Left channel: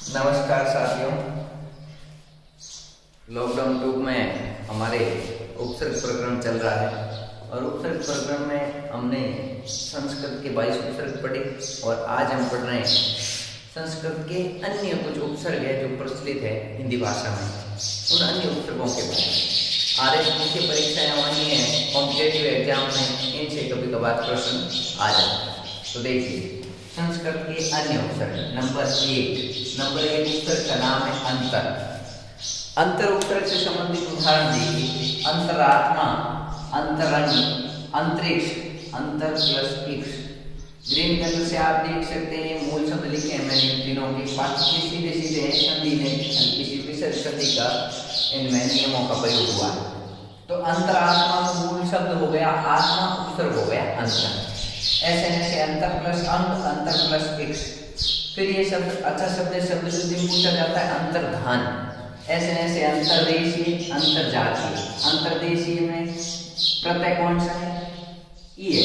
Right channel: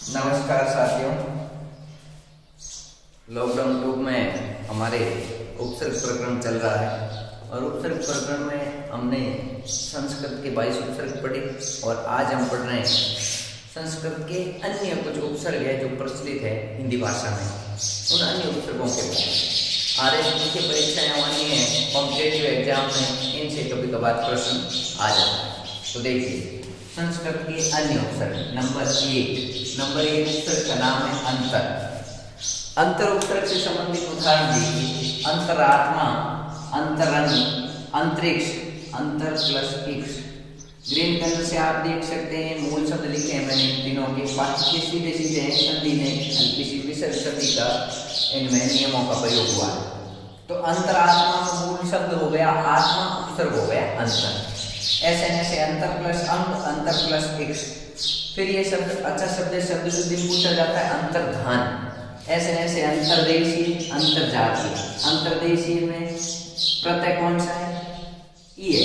नमस्कार साथियों। लॉकडाउन 2 में हमारे उपसर्ग प्रकरण चल रहा है और उपसर्ग प्रकरण में हमने संस्कृत के 22 उपसर्ग पढ़े और आज हम पढ़ रहे हैं संस्कृत के अन्य कुछ उपसर्ग है जो प्रचलित है हिंदी भाषा में, उन अन्य उपसर्गों के बारे में। आरएस मुख्य परीक्षाएं आनी है, कॉम्पिटेटिव एग्जाम में इनसे कभी कभार प्रश्न आ जाता है। तो देखिए संस्कृत के अन्य उपसर्ग नंबर 1 उपसर्ग का नाम है अंतर। अंतर उपसर्ग से संबंधित उदाहरण देखिए, अंतरात्मा, अंतरंग, अंतरिक्ष, अंतर प्लस इक्ष। ग्रीन कलर से आप देख सकते हैं मूल शब्द लिखे हैं मैंने इन तीनों के, बाकी के सीधे सीधे संधि नहीं, किसी विशेष संधि का इनमें नियमों का प्रयोग हुआ है। तो अंतरात्मा में मूल शब्द हो गया आत्मा, उपसर्ग हो गया अंतर। ऐसे अंतर प्लस अंग, अंतर प्लस इक्ष। फिर ये शब्द अच्छा शब्द है, शब्द शुद्धि में पूछा जाता है अंतर्धान। ऐसे अंतर्देशीय, अंतर्जातीय। अंतर्देशीय में प्रत्यय कौन सा है? ई है,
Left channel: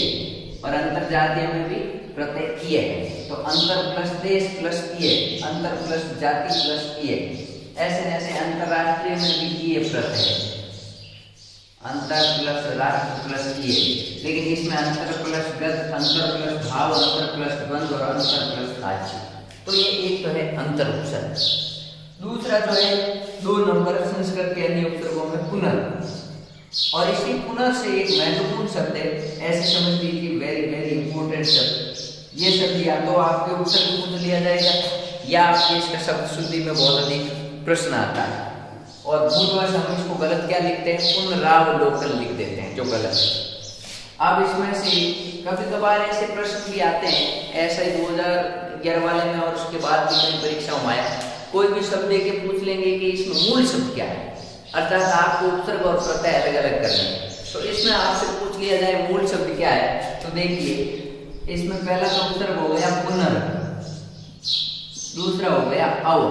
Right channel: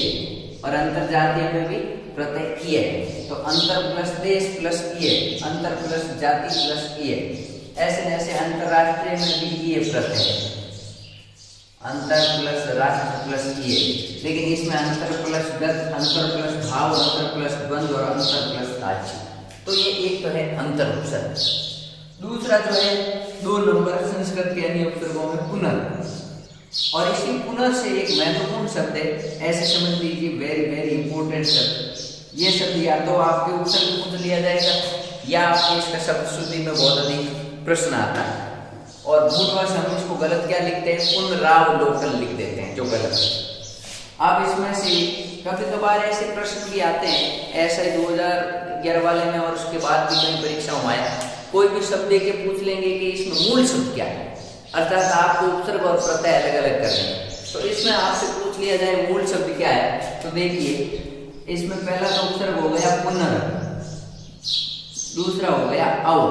और अंतर्जातीय में भी प्रत्यय ई है। तो अंतर प्लस देश प्लस ई है, अंतर प्लस जाति प्लस ई है। ऐसे अंतर्राष्ट्रीय में भी ई है प्रत्यय है, अंतर प्लस राष्ट्र प्लस ये। लेकिन इसमें अंतर प्लस गत, अंतर प्लस भाव, अंतर प्लस द्वंद्व और अंतर प्लस राज्य। तो ये एक तो है अंतर उपसर्ग। दूसरा जो है 2 नंबर संस्कृत के अन्य उपसर्गों में पुनर्, और इसी पुनर् से एक महत्वपूर्ण शब्द है, ऐसे समझ लीजिए वेरी इंपॉर्टेंट शब्द। ये शब्द या तो आपके उपसर्ग में पूछ लिया जाएगा या आपके इसका शब्द शुद्धि में बहुत अधिक प्रश्न आता है। और भूलवश हम इसको गलत क्या लिखते हैं? पुनरावलोकन लिख देते हैं, जो गलत है। अब इसमें से कभी कभार ऐसे प्रश्न भी आते हैं, ऐसा ही 2011 वाले में और उसके बाद भी कई परीक्षाओं में आया, कोई भी शब्द के पूछ लेंगे कि इसमें मूल शब्द क्या है, अर्थात आपको उपसर्ग और प्रत्यय अलग अलग करने हैं। तो इसमें आपसे पूछ लिया जाए मूल शब्द क्या है, तो देखिए इसमें पहला तो उपसर्ग हो गया पुनर्, दूसरा हो गया अव,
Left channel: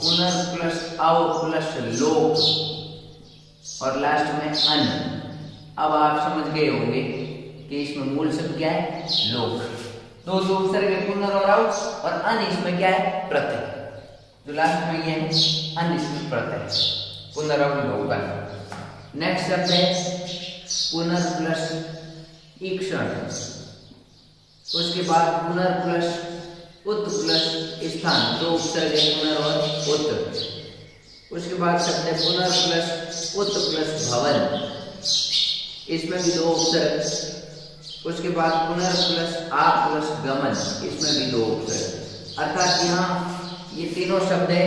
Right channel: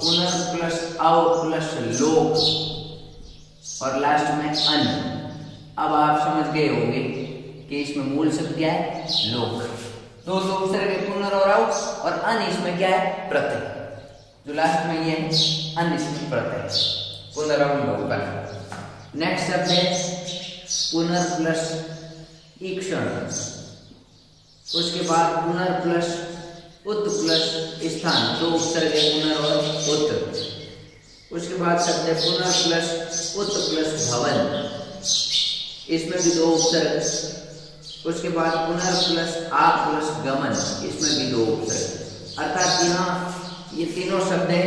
पुनर् प्लस अव प्लस लोक, और लास्ट में अन। अब आप समझ गए होंगे कि इसमें मूल शब्द क्या है? लोक। दो उपसर्ग है पुनर् और अव, और अन इसमें क्या है? प्रत्यय। जो लास्ट में ये है अन, इसमें प्रत्यय, पुनरवलोकन। नेक्स्ट शब्द है पुनर् प्लस ईक्षण, उसके बाद पुनर् प्लस उत प्लस स्थान, 2 उपसर्ग है पुनर् और उत। उसके बाद शब्द है पुनर् प्लस उत प्लस भवन, इसमें भी 2 उपसर्ग। उसके बाद पुनर् प्लस आ प्लस गमन, इसमें भी 2 उपसर्ग। अर्थात यहाँ ये तीनों शब्द है,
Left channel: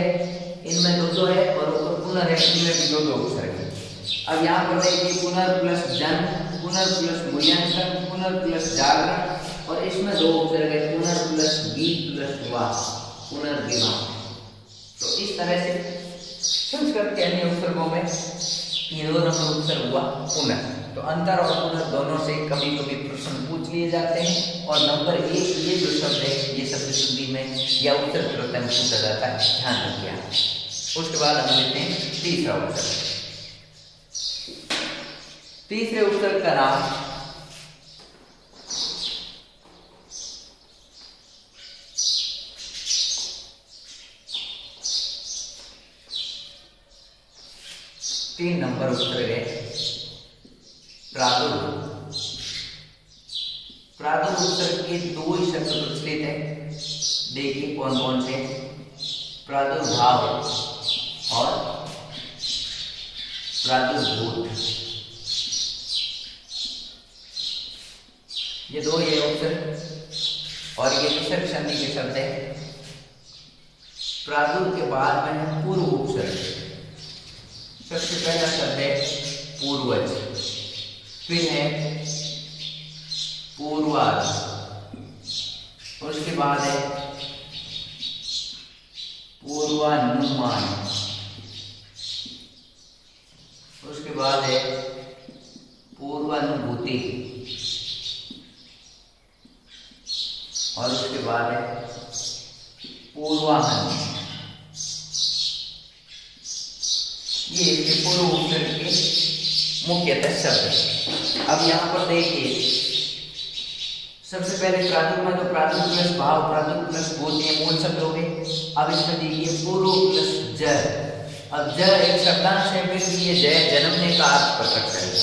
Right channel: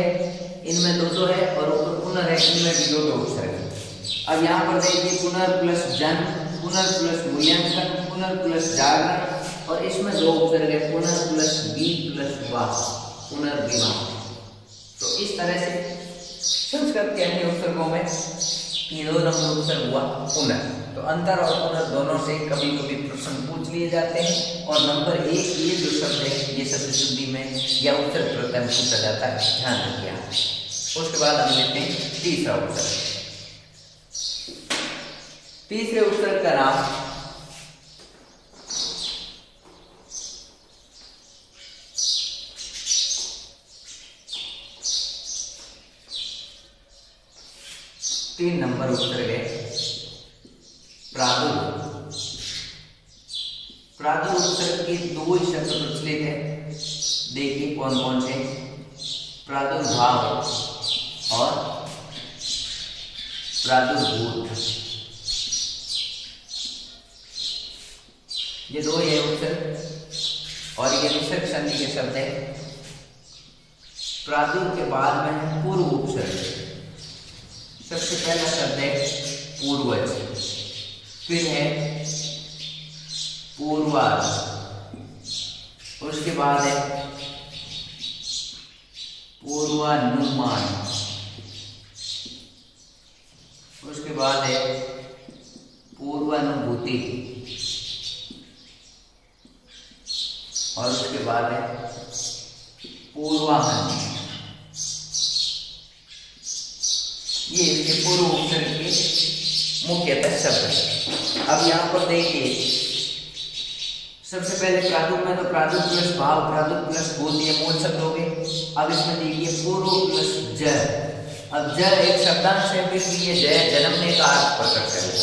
इनमें 2 है और ऊपर पुनर् है, इनमें भी 2 उपसर्ग है। अब यहाँ पर देखिए पुनर् प्लस जन, पुनर् प्लस मूल्यांकन, पुनर् प्लस जागरण, और इसमें 2 उपसर्ग है पुनर् प्लस बी प्लस वा, पुनर्विवाह। तो इस तरह से संस्कृत के अन्य उपसर्गों में 2 नंबर उपसर्ग हुआ पुनर्। तो अंतर और पुनर् दोनों से कभी कभी प्रश्न पूछ लिए जाते हैं, और नंबर 1 ये जो शब्द है ये शब्द शुद्धि में या उपसर्ग प्रत्यय में पूछा जाता है, ध्यान रखिए। उसके बाद हम लेते हैं तीसरा उपसर्ग। तीसरे उपसर्ग का नाम तीन नंबर उपसर्ग है प्रादुर। प्रादुर उपसर्ग के 2 ही शब्द प्रचलित है, देखिए कौन कौन से? प्रादुर्भाव और प्रादुर्भूत, ये 2 ही उपसर्ग, और ये विसर्ग संधि के शब्द है। प्रादुर के बाद में है पूर्व उपसर्ग। सबसे पहला शब्द है पूर्वज, फिर है पूर्वाज, उसके बाद है पूर्वानुमान, उसके बाद है पूर्वानुभूति, और उसके बाद है पूर्वाहन। ये इसके पूर्व उपसर्ग के मुख्यतः शब्द है। अब यहाँ पर देखिए सबसे पहले प्रादुर में तो प्रादुर प्लस भाव, प्रादुर प्लस बोध, ये मूल शब्द हो गए। अब इसमें देखिए पूर्व प्लस ज। अब ज एक शब्दांश है, फिर ये जय जन्मने का अर्थ प्रकट करेगा।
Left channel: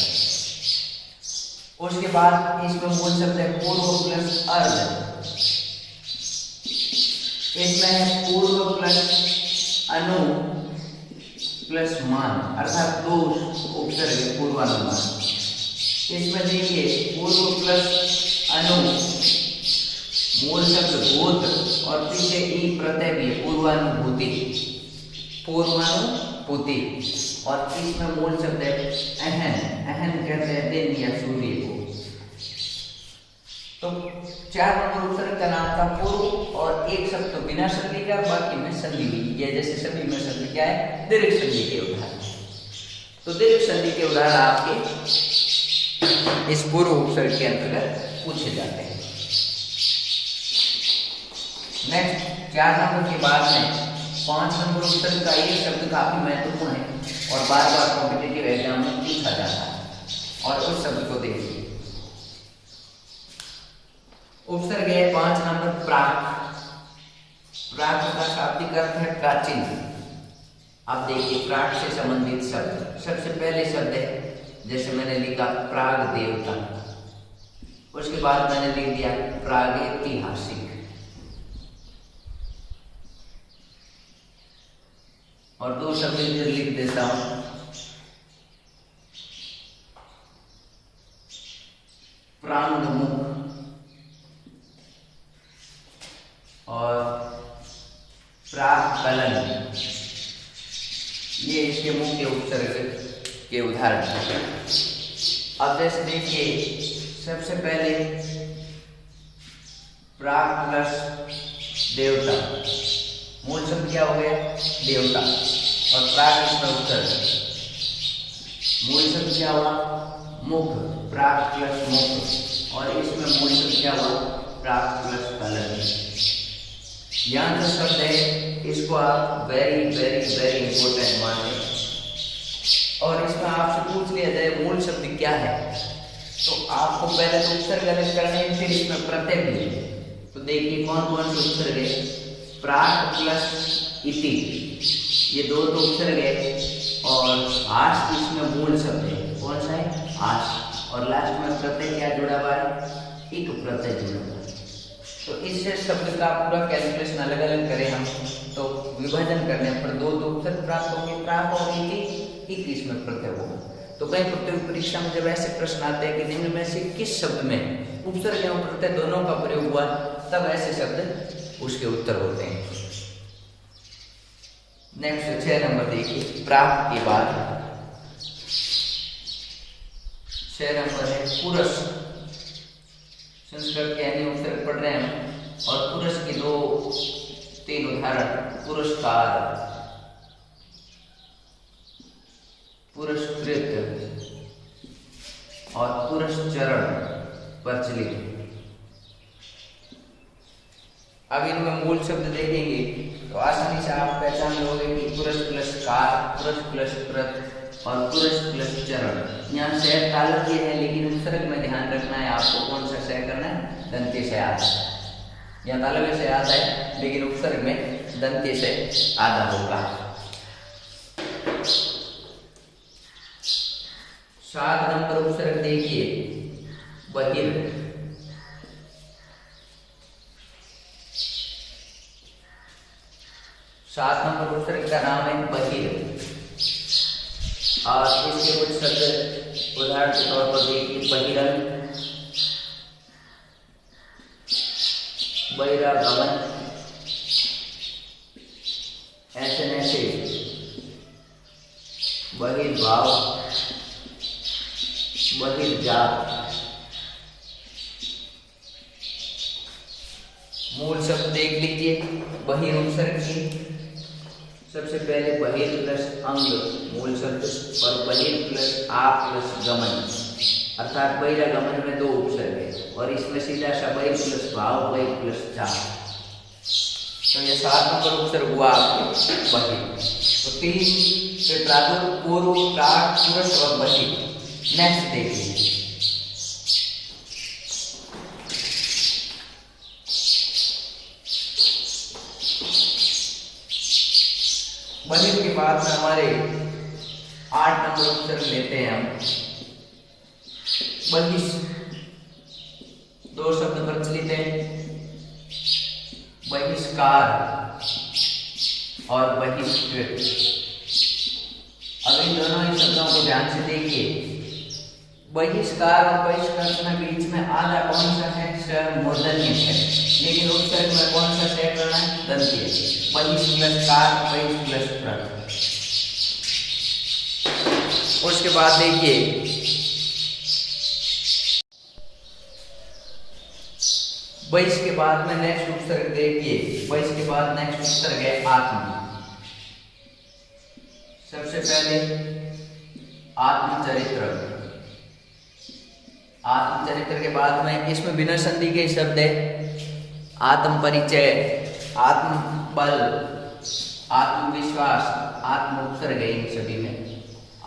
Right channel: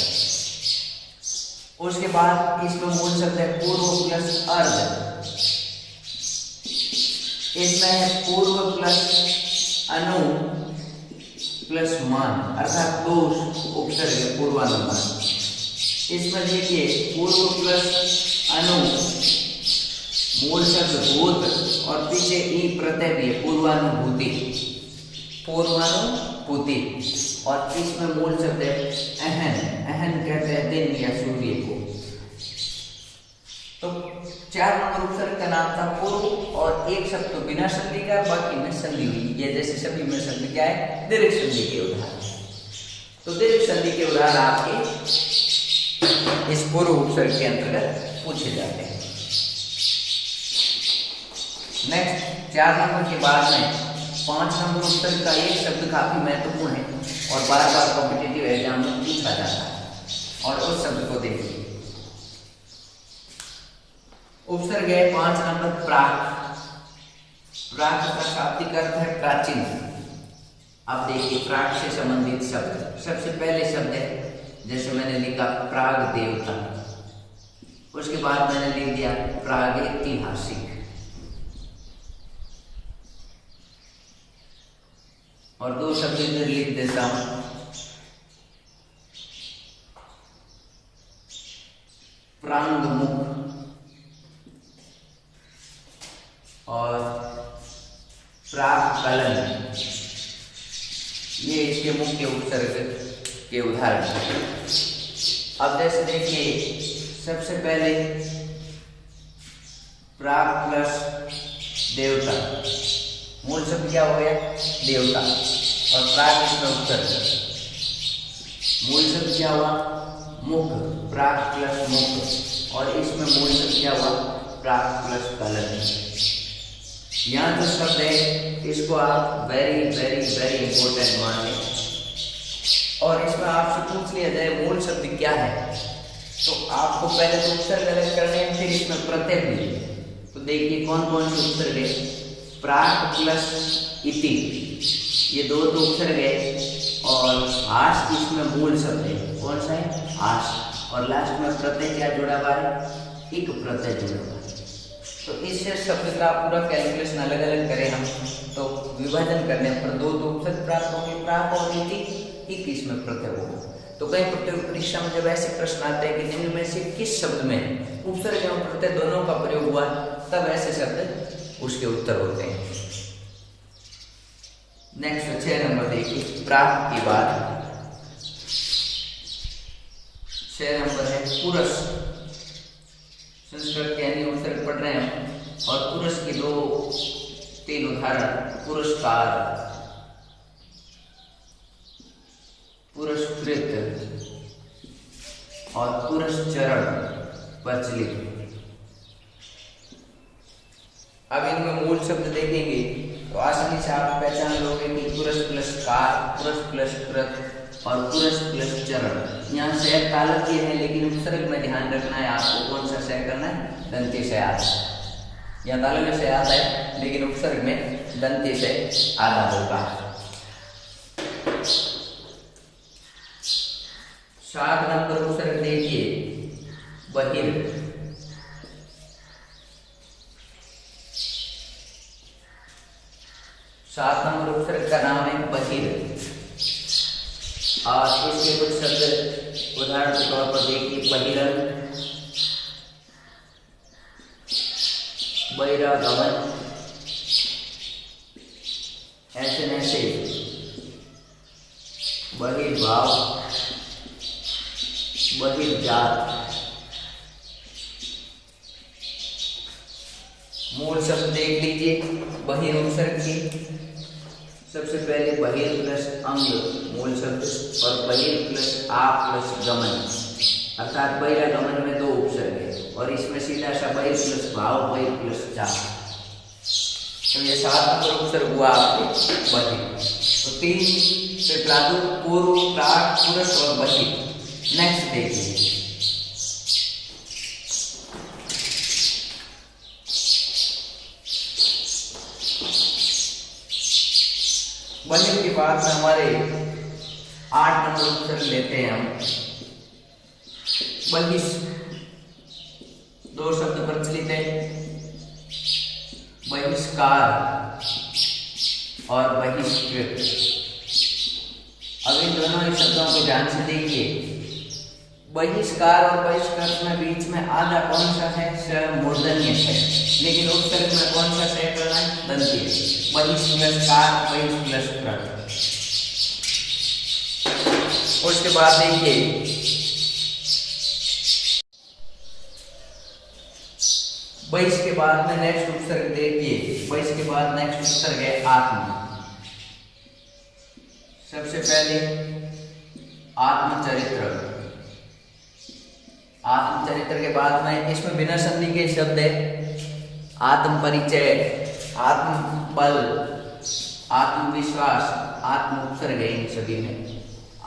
उसके बाद इसमें मूल शब्द है पूर्व प्लस अर्ध। इसमें है पूर्व प्लस अनु प्लस मान, अर्थात दो उपसर्ग है पूर्वानुमान। इसमें देखिए पूर्व प्लस अनु मूल शब्द भूत और पीछे ई प्रत्यय भी है पूर्वानुभूति, पूर्वानुभूति। और इसमें मूल शब्द है अहन, अहन कहते हैं दिन या सूर्य को। तो 4 नंबर उपसर्ग का नाम था पूर्व, और एक शब्द तो बिना संधि का, बाकी में संधि हुई है। जैसे सभी में शब्द क्या है, दीर्घ संधि के उदाहरण। तो दीर्घ संधि के उदाहरण आपके इस पूर्व उपसर्ग के अंतर्गत पूछे जाते हैं। नेक्स्ट 4 नंबर के बाद में 5 नंबर उपसर्ग का एक शब्द काफी महत्वपूर्ण है और बार बार कॉम्पिटिटिव एग्जाम में पूछा जाता है, और उस शब्द को देखिए। उपसर्ग है 5 नंबर प्राक। प्राक का शाब्दिक अर्थ है प्राचीन। अब देखिए प्राक से संबंधित शब्द, सबसे पहले शब्द है जैसे मैंने लिखा प्राग देवता, उसके बाद मैंने लिख दिया प्रागैतिहासिक, और 2 शब्द इधर लिख देता हूं प्रांगमुख और प्राकलन। ये इसके मुख्य उपसर्ग के उदाहरण हैं। अब जैसे देखिए सबसे पहले प्राक प्लस देवता, मूल शब्द क्या हो गया, देवता, और प्राक इसमें उपसर्ग। मूल शब्द क्या हुआ, मुख, प्राक प्लस मुख, और इसमें मूल शब्द क्या हुआ, प्राक प्लस कलन। यहाँ जो शब्द है इसको आप वेरी वेरी वेरी इंपॉर्टेंट मान लें, और इसमें आपसे पूछ लिया जाए मूल शब्द क्या है, तो आपको पहले तो उपसर्ग अलग करने हैं, फिर इसमें प्रत्यय भी है। तो देखिए कौन कौन से उपसर्ग है, प्राक प्लस इति, ये 2 तो उपसर्ग है, और हास इसमें मूल शब्द है, कौन सा है, हास, और लास्ट में प्रत्यय क्या जुड़ा हुआ है, इक प्रत्यय जुड़ा हुआ है। तो इससे शब्द का पूरा कैलकुलेशन अलग अलग करें हम, तो विभाजन करने पर 2 तो उपसर्ग प्राप्त होंगे, प्राक और इति, इक इसमें प्रत्यय होगा। तो कई प्रतियोगी परीक्षा में जब ऐसे प्रश्न आते हैं कि जिनमें से किस शब्द में उपसर्ग एवं प्रत्यय दोनों का प्रयोग हुआ, तब ऐसे शब्द उसके उत्तर होते हैं। नेक्स्ट 6 नंबर देखिए, प्राक के बाद 6 नंबर है पुरुष। संस्कृत के अन्य उपसर्ग पढ़ रहे हैं, और पुरुष के 2-3 उदाहरण, पुरस्कार, पुरस्कृत और पुरस्चरण प्रचलित। अब इनमें मूल शब्द देखेंगे तो आसानी से आप पहचान लोगे कि पुरुष प्लस कार, पुरुष प्लस कृत और पुरुष प्लस चरण। यहाँ शय तालव्य है, लेकिन उपसर्ग में ध्यान रखना है आपको, कौन सा शय करना है, दंत्य शय आता है। यहाँ तालव्य शय आता है, लेकिन उपसर्ग में दंत्य शय आधा होगा। 7 नंबर उपसर्ग देखिए, बहिर। सात नंबर उपसर्ग का नाम है बहिर, और इसके कुछ शब्द उदाहरण के तौर पर देखिए, बहिरंग, बहिरागमन, ऐसे ऐसे, बहिर्भाव, बहिर्जात। मूल शब्द देख लीजिए बहिर उपसर्ग की। सबसे पहले बहिर प्लस अंग मूल शब्द, और बहिर प्लस आ प्लस गमन, अर्थात बहिरागमन में 2 उपसर्ग है, और इसमें सीधा सा बहिर प्लस भाव, बहिर प्लस जा। तो ये 7 नंबर उपसर्ग हुआ आपके बहिर। तो 3 से प्रादुर, पूर्व, प्राक, पुरुष और बहिर। नेक्स्ट देखिए, बलिव के बाद में हमारे 8 नंबर उपसर्ग लेते हैं हम। बहिष, 2 शब्द प्रचलित है, बहिष्कार और बहिष्कृत। अब इन दोनों ही शब्दों को ध्यान से देखिए। बहिष्कार और बहिष्कृत में बीच में आधा कौन सा है? स मूर्धन्य है, लेकिन उपसर्ग में कौन सा से करना है? दंतीय। बहिष प्लस कार, बहिष प्लस कृत। उसके बाद देखिए बहिष के बाद में नेक्स्ट उपसर्ग देखिए। बहिष के बाद नेक्स्ट उपसर्ग है आत्म। सबसे पहले आत्मचरित्र। आत्मचरित्र के बाद में इसमें बिना संधि के शब्द है आत्म परिचय, आत्म बल, आत्मविश्वास, आत्म उपसर्ग है इन सभी में।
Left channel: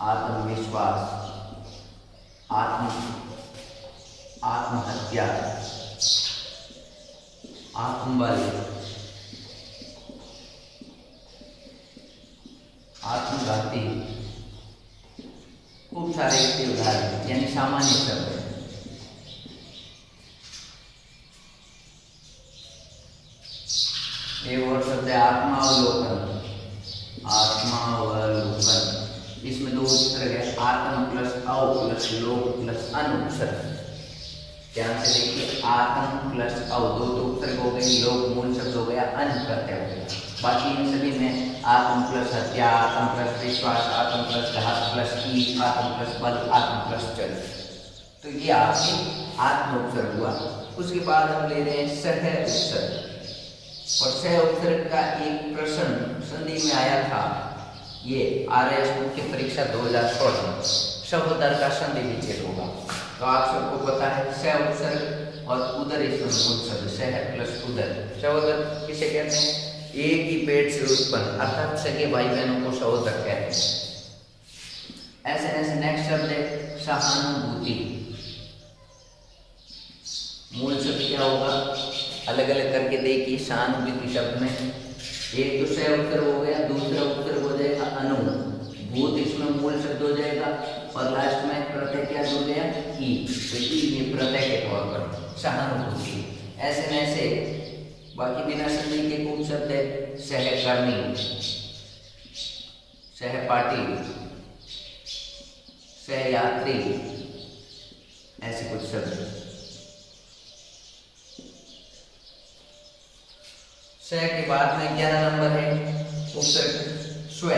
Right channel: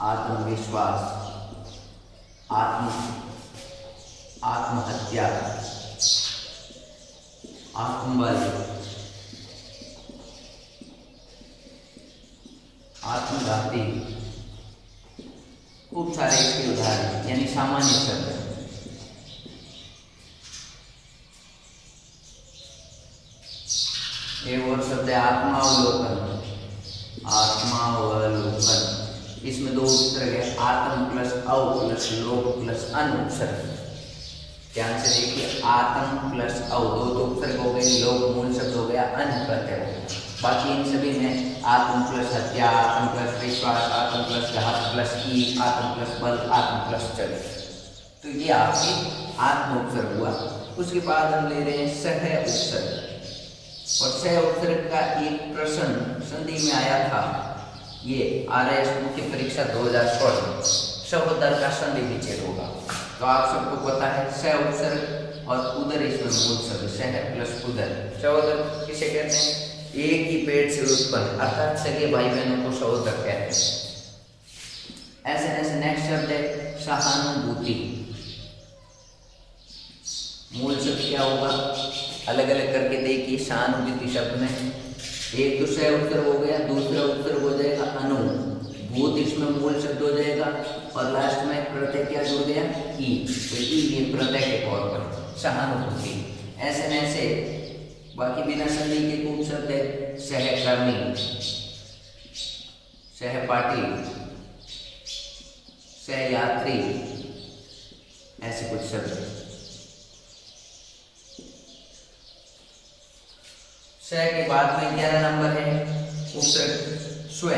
आत्मविश्वास, आत्महत्या, आत्मबल, आत्मघाती, खूब सारे इसके उदाहरण यानी सामान्य शब्द है। एक और शब्द है आत्मावलोकन। आत्मावलोकन, इसमें 2 उपसर्ग है, आत्म प्लस अव प्लस लोक प्लस अन उपसर्ग। ध्यान से देखिए, आत्म प्लस अव 2 तो उपसर्ग हो गए, लोक मूल शब्द हो गया, अन प्रत्यय हो गया। बाकी इन सभी में आत्म प्लस हत्या, आत्म प्लस विश्वास, आत्म प्लस घात प्लस ई, आत्म प्लस बल, आत्म प्लस चरित्र। तो ये आपकी आत्म उपसर्ग हुआ। उसके बाद हम ले रहे हैं सह उपसर्ग। और सह उपसर्ग का एक प्रश्न संधि में आया था, ये RS मुख्य परीक्षा 2016 सहोदर का संधि विच्छेद होगा। तो आप सबको पता है सह उपसर्ग और उदर इसमें मूल शब्द सह प्लस उदर। सहोदर किसे कहते हैं? एक ही पेट से उत्पन्न, अर्थात सगे भाई बहनों को सहोदर कहते हैं। ऐसे नेक्स्ट शब्द है सहानुभूति। मूल शब्द क्या होगा? अलग अलग करके देखिए। सहानुभूति शब्द में एक तो सह उपसर्ग हो गया, दूसरा उपसर्ग हो जाएगा अनु, भूत इसमें मूल शब्द हो जाएगा, और लास्ट में प्रत्यय क्या जुड़ गया? ई। तो ई ये प्रत्यय के तौर पर सहानुभूति। ऐसे बाकी बिना संधि के कुछ शब्द है सहकर्मी, सहपाठी, सहयात्री, ऐसे कुछ शब्द है। सह के बाद में 11 नंबर है उपसर्ग स्व।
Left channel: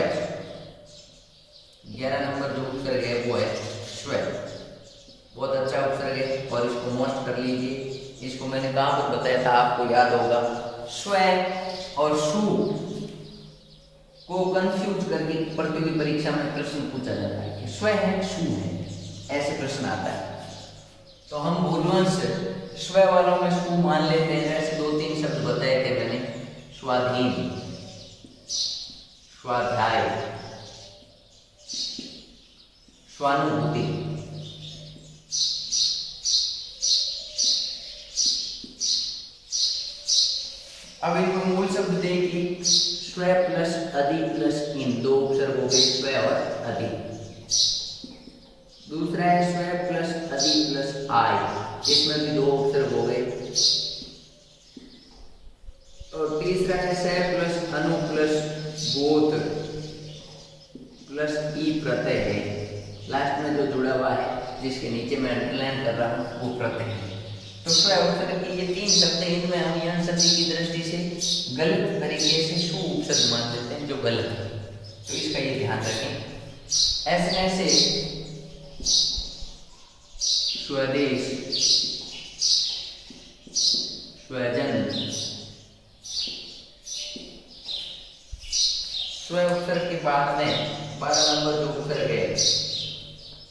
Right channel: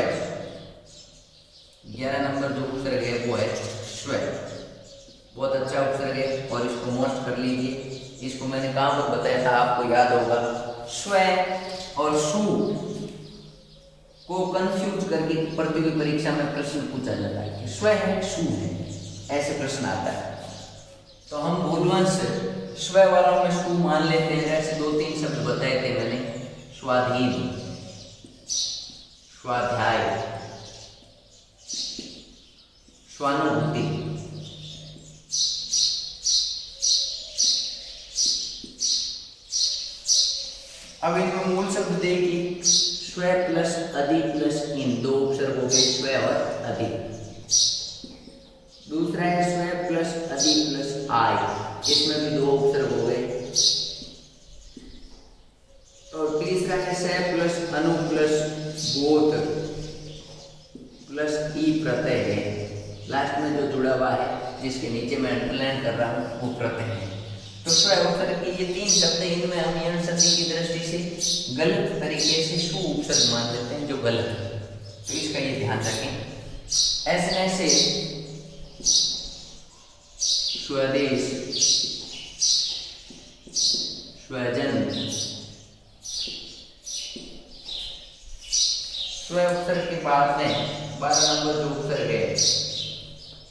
11 नंबर जो उपसर्ग है वो है स्व। बहुत अच्छा उपसर्ग है और इसको नोट कर लीजिए। इसको मैंने कहाँ पर बताया था, आपको याद होगा। स्व और सु को कंफ्यूज करके प्रतियोगी परीक्षा में प्रश्न पूछा जाता है कि स्व है सु है, ऐसे प्रश्न आता है। तो हम भूलवश स्व वालों में सु मान लेते हैं। ऐसे 2-3 शब्द बताए थे मैंने, स्वाधीन, स्वाध्याय, स्वानुभूति। अब इनमें मूल शब्द देखिए, स्व प्लस अधि प्लस इन, 2 उपसर्ग हो गए स्व और अधि। दूसरा है स्व प्लस अधि प्लस आय, इसमें भी 2 उपसर्ग हो गए। और तीसरा है स प्लस अनु प्लस बोध प्लस ई प्रत्यय है। लास्ट में जो जुड़ा हुआ है, जिसके नीचे मैं अंडरलाइन कर रहा हूँ, वो प्रत्यय है। तो स्व उपसर्ग के ये 3 शब्द हैं, इनमें हम यह संधि की दृष्टि से गलत तरीके से सु उपसर्ग मान देते हैं, जो गलत है। तो इसका ये ध्यान रखें। ऐसे स्वदेश, स्वजन, स्व उपसर्ग के बाद में 12 नंबर जो उपसर्ग है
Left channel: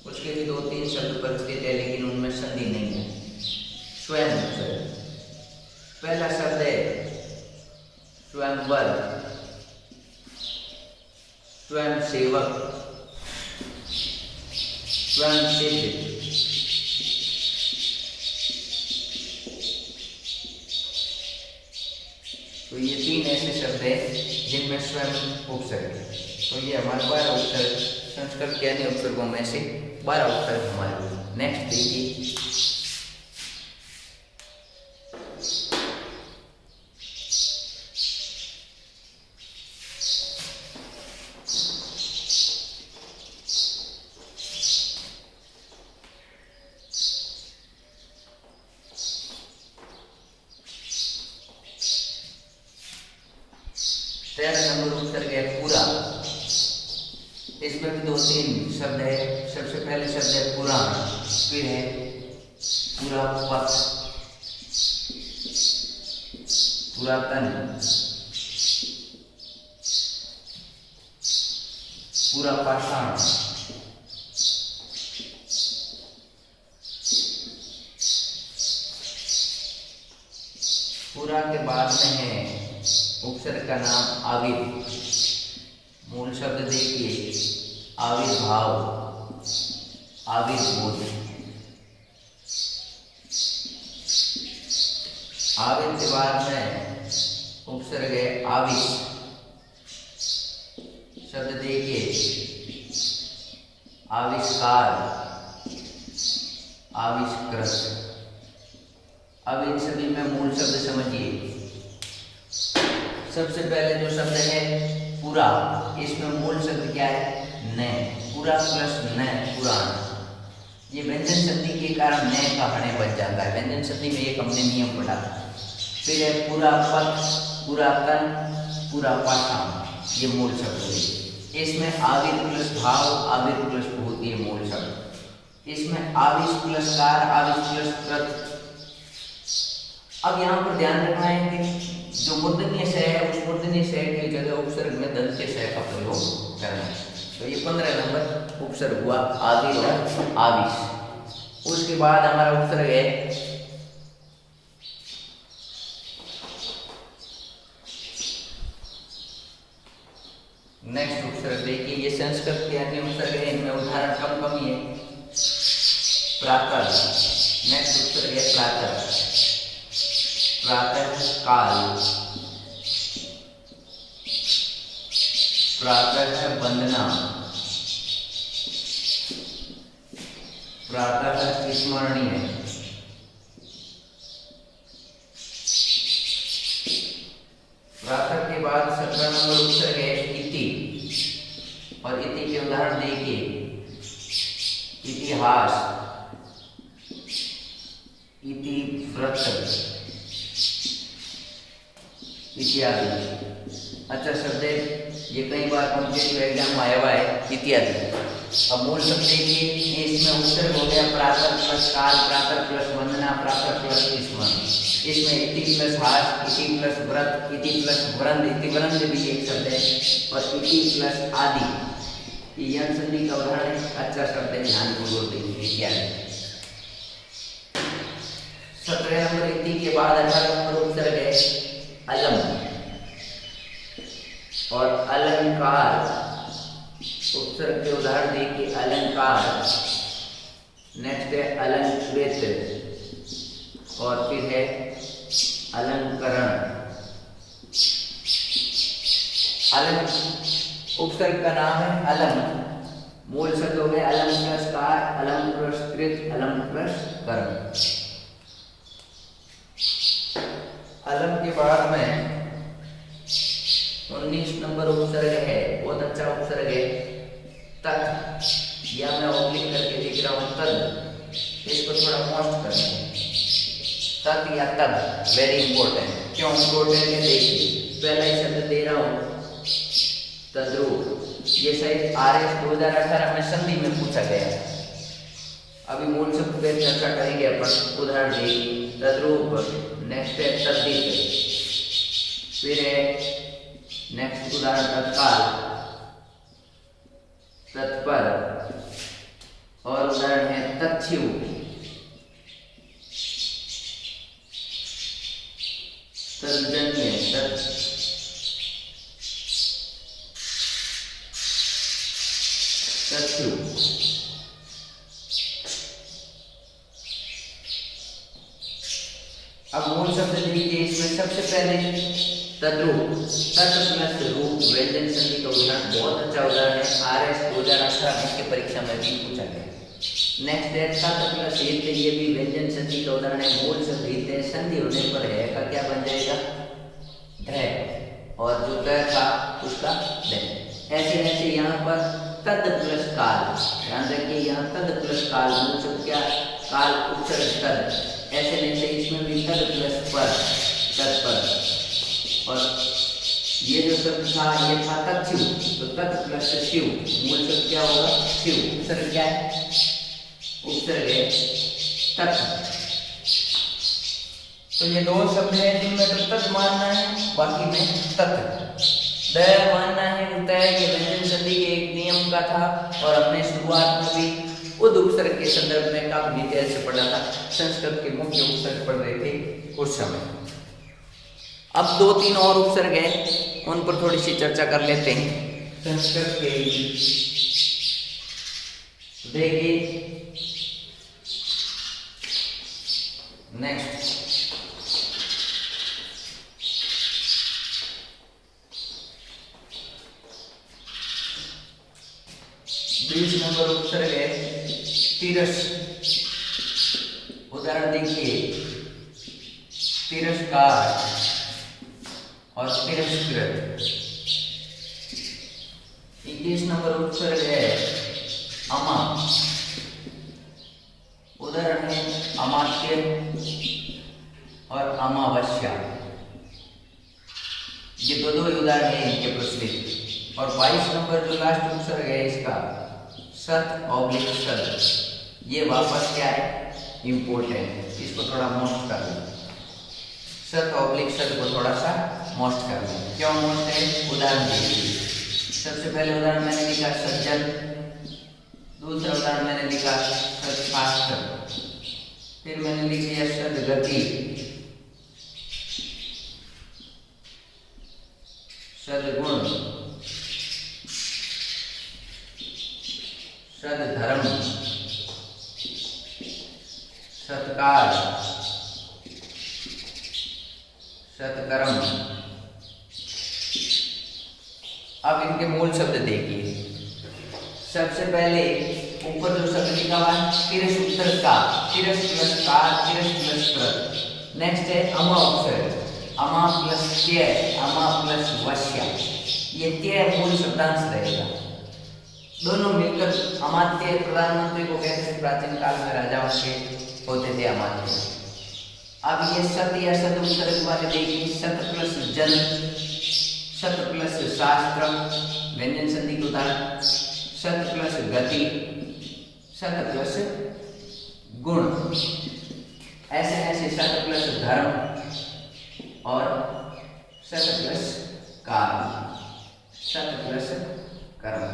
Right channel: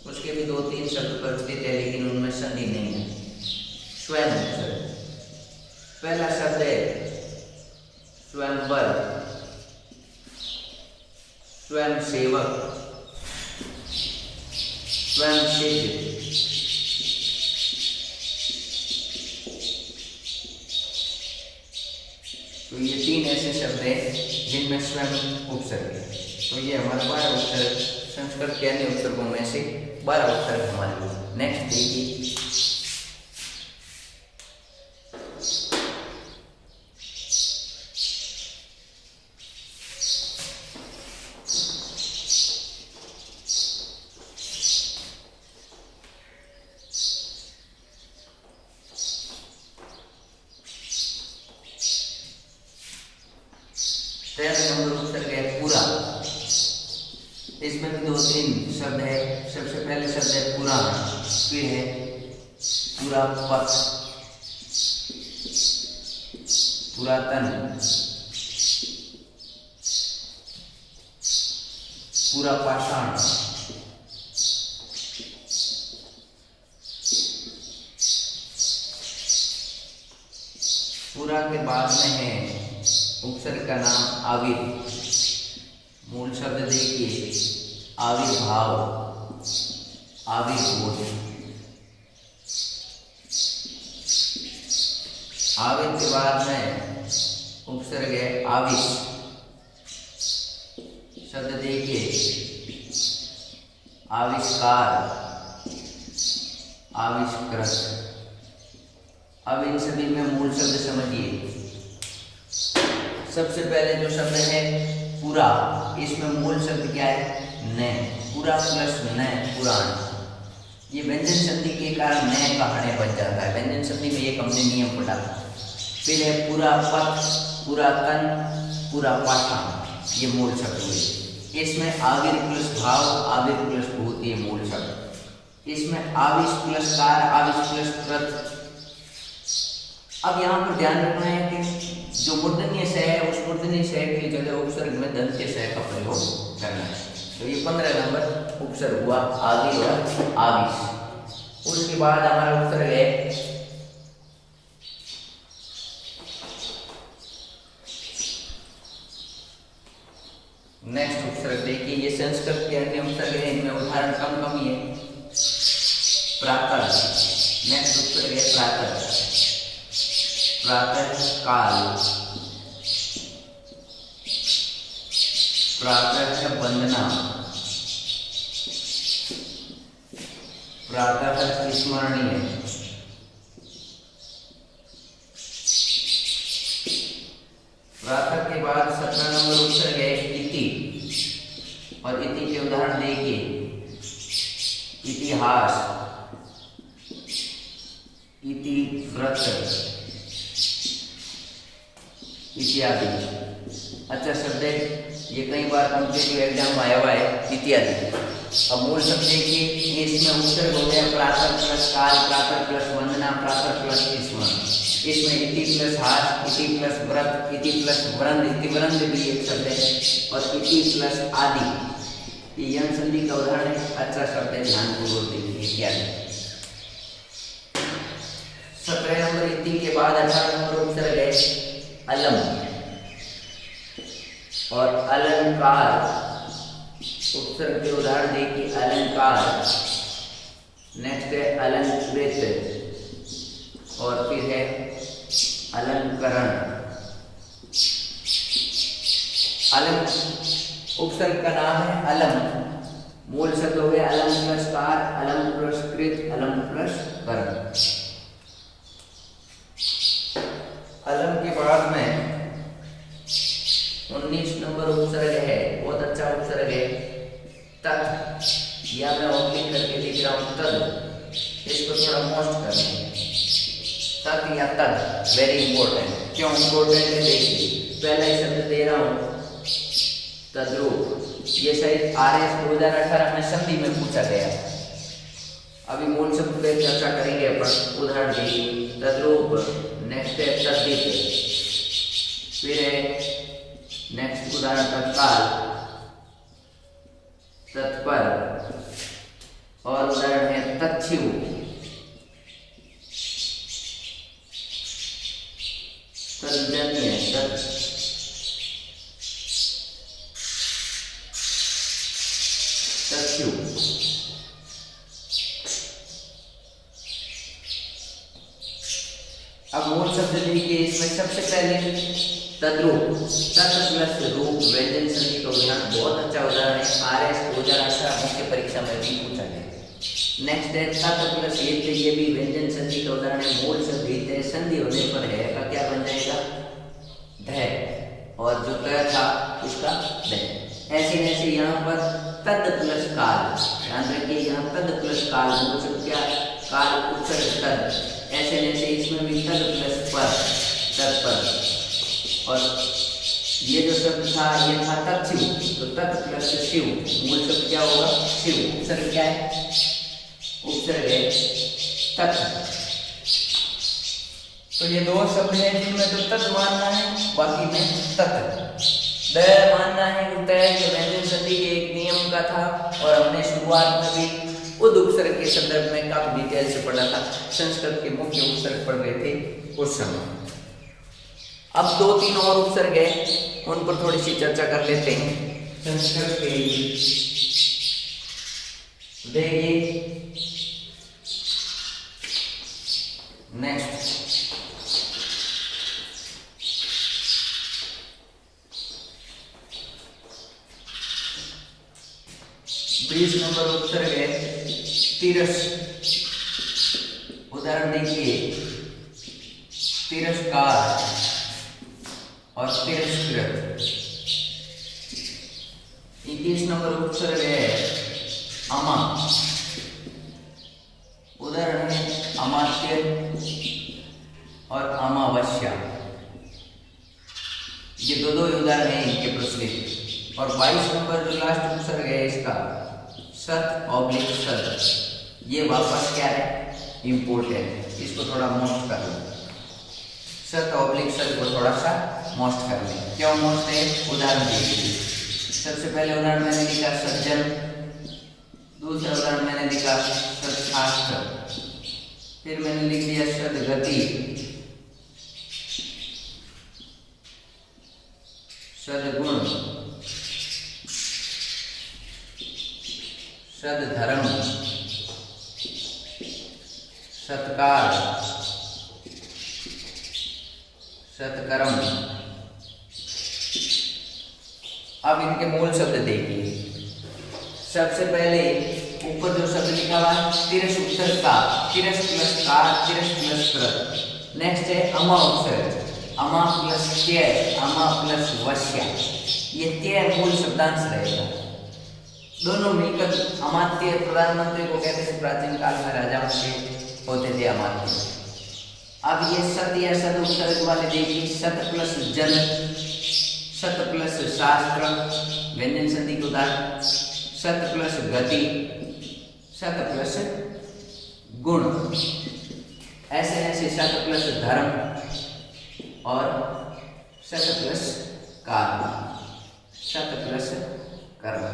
उसके भी 2-3 शब्द प्रचलित है, लेकिन उनमें संधि नहीं है। स्वयं उपसर्ग। पहला शब्द है स्वयंवर, स्वयं सेवक, स्वयं सिद्ध, तो ये 3 ऐसे शब्द हैं जिनमें स्वयं उपसर्ग है। तो ये हमारे 12 उपसर्ग, संस्कृत के अन्य उपसर्गों में से 12 उपसर्ग हमारे। नेक्स्ट देखिए, तेरह नंबर उपसर्ग है पूरा। इसमें भी 2-3 शब्द है। सबसे पहले शब्द है पुराण, फिर है पूरा पथ, पुरातन, पूरा पाषाण, पूरा के बाद में है उपसर्ग का नाम आविर। मूल शब्द देखिए आविर्भाव, आविर्भूत। आविर के बाद में उपसर्ग है आविष। शब्द देखिए आविष्कार, आविष्कृत। अब इन सभी में मूल शब्द समझिए। सबसे पहले जो शब्द है पूरा, इसमें मूल शब्द क्या है? न। पूरा प्लस न, पुराण। ये व्यंजन संधि के कारण न का हणे बन जाता है। व्यंजन संधि में एक हमने नियम पढ़ा। फिर है पूरा पथ, पुरातन, पूरा पाषाण, ये मूल शब्द हुए। इसमें आविर प्लस भाव, आविर प्लस भूत, ये मूल शब्द। इसमें आविष प्लस कार, आविष प्लस कृत। अब यहाँ पर ध्यान रखना है कि जो मूर्धन्य स है उस मूर्धन्य स की जगह उपसर्ग में दंत्य स का प्रयोग करना है। तो ये 15 नंबर उपसर्ग हुआ आगे और आविष। उसके बाद हमारा उपसर्ग है नेक्स्ट उपसर्ग। देखिए ये संस्कृत के अन्य उपसर्ग है, इनमें उदाहरण कम ही है। प्रातः, नेक्स्ट उपसर्ग है प्रातः, प्रातः काल, प्रातः वंदना, प्रातः स्मरणीय, प्रातः के बाद 17 नंबर उपसर्ग है इति। और इति के उदाहरण देखिए इतिहास, इति व्रत इत्यादि। अच्छा शब्द है ये, कई बार कॉम्पिटिटिव एग्जाम में आया हुआ है इत्यादि। अब मूल शब्द देखिए, इसमें उपसर्ग हो गया प्रातः प्लस काल, प्रातः प्लस वंदना, प्रातः प्लस स्मरण। इसमें इति प्लस हास, इति प्लस व्रत, इति प्लस वृंद, इति वृंद भी एक शब्द है। और इति प्लस आदि, ये यन संधि का उदाहरण है। अच्छा शब्द है, ध्यानपूर्वक देखिए इत्यादि। 17 नंबर इति के बाद 18 नंबर उपसर्ग है अलम और अलंकार। उपसर्ग के उदाहरण देखिए अलंकार, नेक्स्ट है अलंकृत, और फिर है अलंकरण। अलम उपसर्ग का नाम है अलम। मूल शब्द हो गए अलम प्लस कार, अलम प्लस कृत, अलम प्लस करण। अलम के बाद में 19 नंबर उपसर्ग है, बहुत अच्छा उपसर्ग है तत्, या मैं ऑब्लिक करके लिख रहा हूं तद, इसको थोड़ा मॉस्ट करना है। तत् या तद वेरी इंपॉर्टेंट। क्यों इंपॉर्टेंट है देखिए, पहला ही शब्द दे रहा हूं तद्रूप। ये शायद RS 2018 में संधि में पूछा गया। अभी मूल शब्द पे चर्चा करेंगे अपन। उदाहरण देखिए तद्रूप, नेक्स्ट है तद्दित, फिर है नेक्स्ट उदाहरण तत्काल, तत्पर, और उदाहरण है तत्क्षु, तद्जन्य, तत्क्षु। अब मूल शब्द देखिए, इसमें सबसे पहले तद्रूप, तत् प्लस रूप व्यंजन संधि का उदाहरण बहुत अच्छा उदाहरण है। RS 2018 मुख्य परीक्षा में भी पूछा गया। नेक्स्ट है तत् प्लस हित, ये भी व्यंजन संधि का उदाहरण है। मूल शब्द हित है, संधि होने पर है का क्या बन जाएगा, ध, और जो त था उसका द। ऐसे ऐसे यहाँ पर तद प्लस काल, ध्यान रखिए यहाँ तद प्लस काल, मूल शब्द क्या, काल उपसर्ग तद। ऐसे ऐसे इसमें भी तद प्लस पर, तत्पर। और ये जो शब्द था ये था तत्शिव, तो तत् प्लस शिव, मूल शब्द क्या होगा, शिव। उपसर्ग क्या है, उपसर्ग है तत्। तो ये दो शब्द हैं जिनमें तो तत् मानना है, बाकी में तत्। द मानना है कि तय के व्यंजन संधि के एक नियम का था, और हमने शुरुआत में भी उद उपसर्ग के संदर्भ में काफी डिटेल से पढ़ा था। संस्कृत के मुख्य उपसर्ग पढ़ रहे थे उस समय। अब 2-3 और उपसर्ग है, उन पर थोड़ी सी चर्चा कर लेते हैं। संस्कृत के देखिए नेक्स्ट 20 नंबर उपसर्ग है तिरस। उदाहरण देखिए, तिरस्कार और तिरस्कृत। 21 नंबर उपसर्ग है अमा। उदाहरण है अमात्य और अमावस्या। ये दो उदाहरण है इनके प्रचलित। और 22 नंबर जो लास्ट उपसर्ग है इसका सत ऑब्लिक सद, ये वापस क्या है, इम्पोर्टेंट है, इसको थोड़ा मोस्ट कर लें। सत ऑब्लिक सद को थोड़ा सा मोस्ट कर लें। क्यों मोस्ट है, उदाहरण देखिए। सबसे पहले उदाहरण मैंने लिखा सज्जन, दूसरा उदाहरण मैंने लिखा सत्शास्त्र, फिर मैंने लिख दिया सदगति, सदगुण, सदधर्म, सत्कार, सत्कर्म। अब इनके मूल शब्द देखिए। सबसे पहले ऊपर जो शब्द लिखा हुआ है तिरस उपसर्ग का, तिरस प्लस कार, तिरस प्लस प्रत। नेक्स्ट है अमा उपसर्ग, अमा प्लस त्य, अमा प्लस वश्या। ये त्य मूल शब्दांश रहेगा। दोनों मिलकर अमात्य, प्रधानमंत्री को कहते थे प्राचीन काल में, राजाओं के होते थे अमात्य। अब ये सत या सद उपसर्ग वाले देखिए, सत प्लस जन, सत प्लस शास्त्र, व्यंजन संधि के उदाहरण, सत प्लस गति, सत प्लस गुण। ऐसे ऐसे सत प्लस धर्म और सत प्लस काम, सत प्लस कर्म।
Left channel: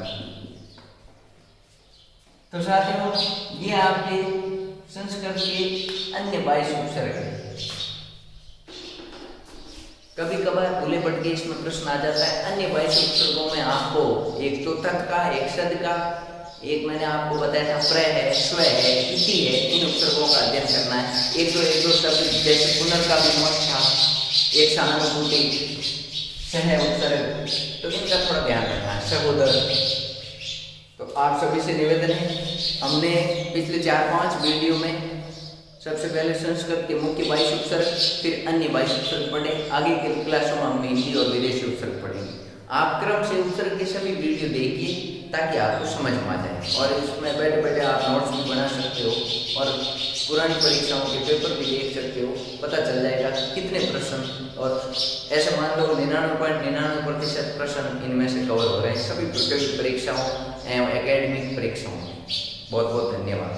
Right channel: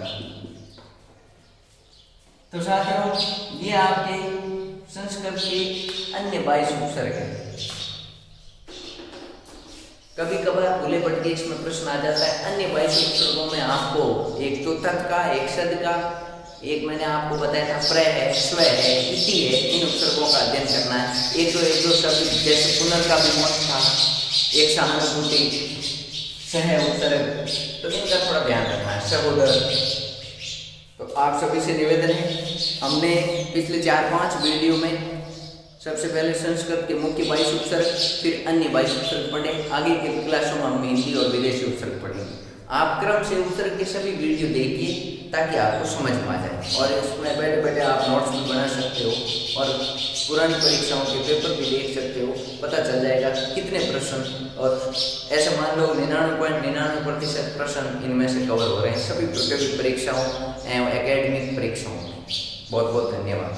तो साथियों, ये आपके संस्कृत के अन्य 22 उपसर्ग हैं। कभी कभार भूले भटके इसमें प्रश्न आ जाता है। अन्य 22 उपसर्गों में आपको एक तो तत् का, एक सद का, एक मैंने आपको बताया था प्र है, स्व है, इति है। इन उपसर्गों का अध्ययन करना है। एक दो शब्द जैसे पुनर् का भी मोक्ष था, एक सहानुभूति, सह उपसर्ग, तो इनका थोड़ा ध्यान रखना है। सहोदर। तो आप सभी से निवेदन है, हमने पिछले 4-5 वीडियो में सबसे पहले संस्कृत के मुख्य 22 उपसर्ग, फिर अन्य 22 उपसर्ग पढ़े। आगे के क्लासों में हम हिंदी और विदेशी उपसर्ग पढ़ेंगे। आप क्रम से उपसर्ग के सभी वीडियो देखिए ताकि आपको समझ में आ जाए, और इसमें बैठे बैठे आप नोट्स भी बना सकते हो और पुरानी परीक्षाओं के पेपर भी देख सकते हो। पता चल जाएगा कितने प्रश्न, और ऐसा मान लो 99.99% प्रश्न इनमें से कवर हो रहे हैं सभी परीक्षाओं एवं एकेडमिक परीक्षाओं में। बहुत बहुत धन्यवाद।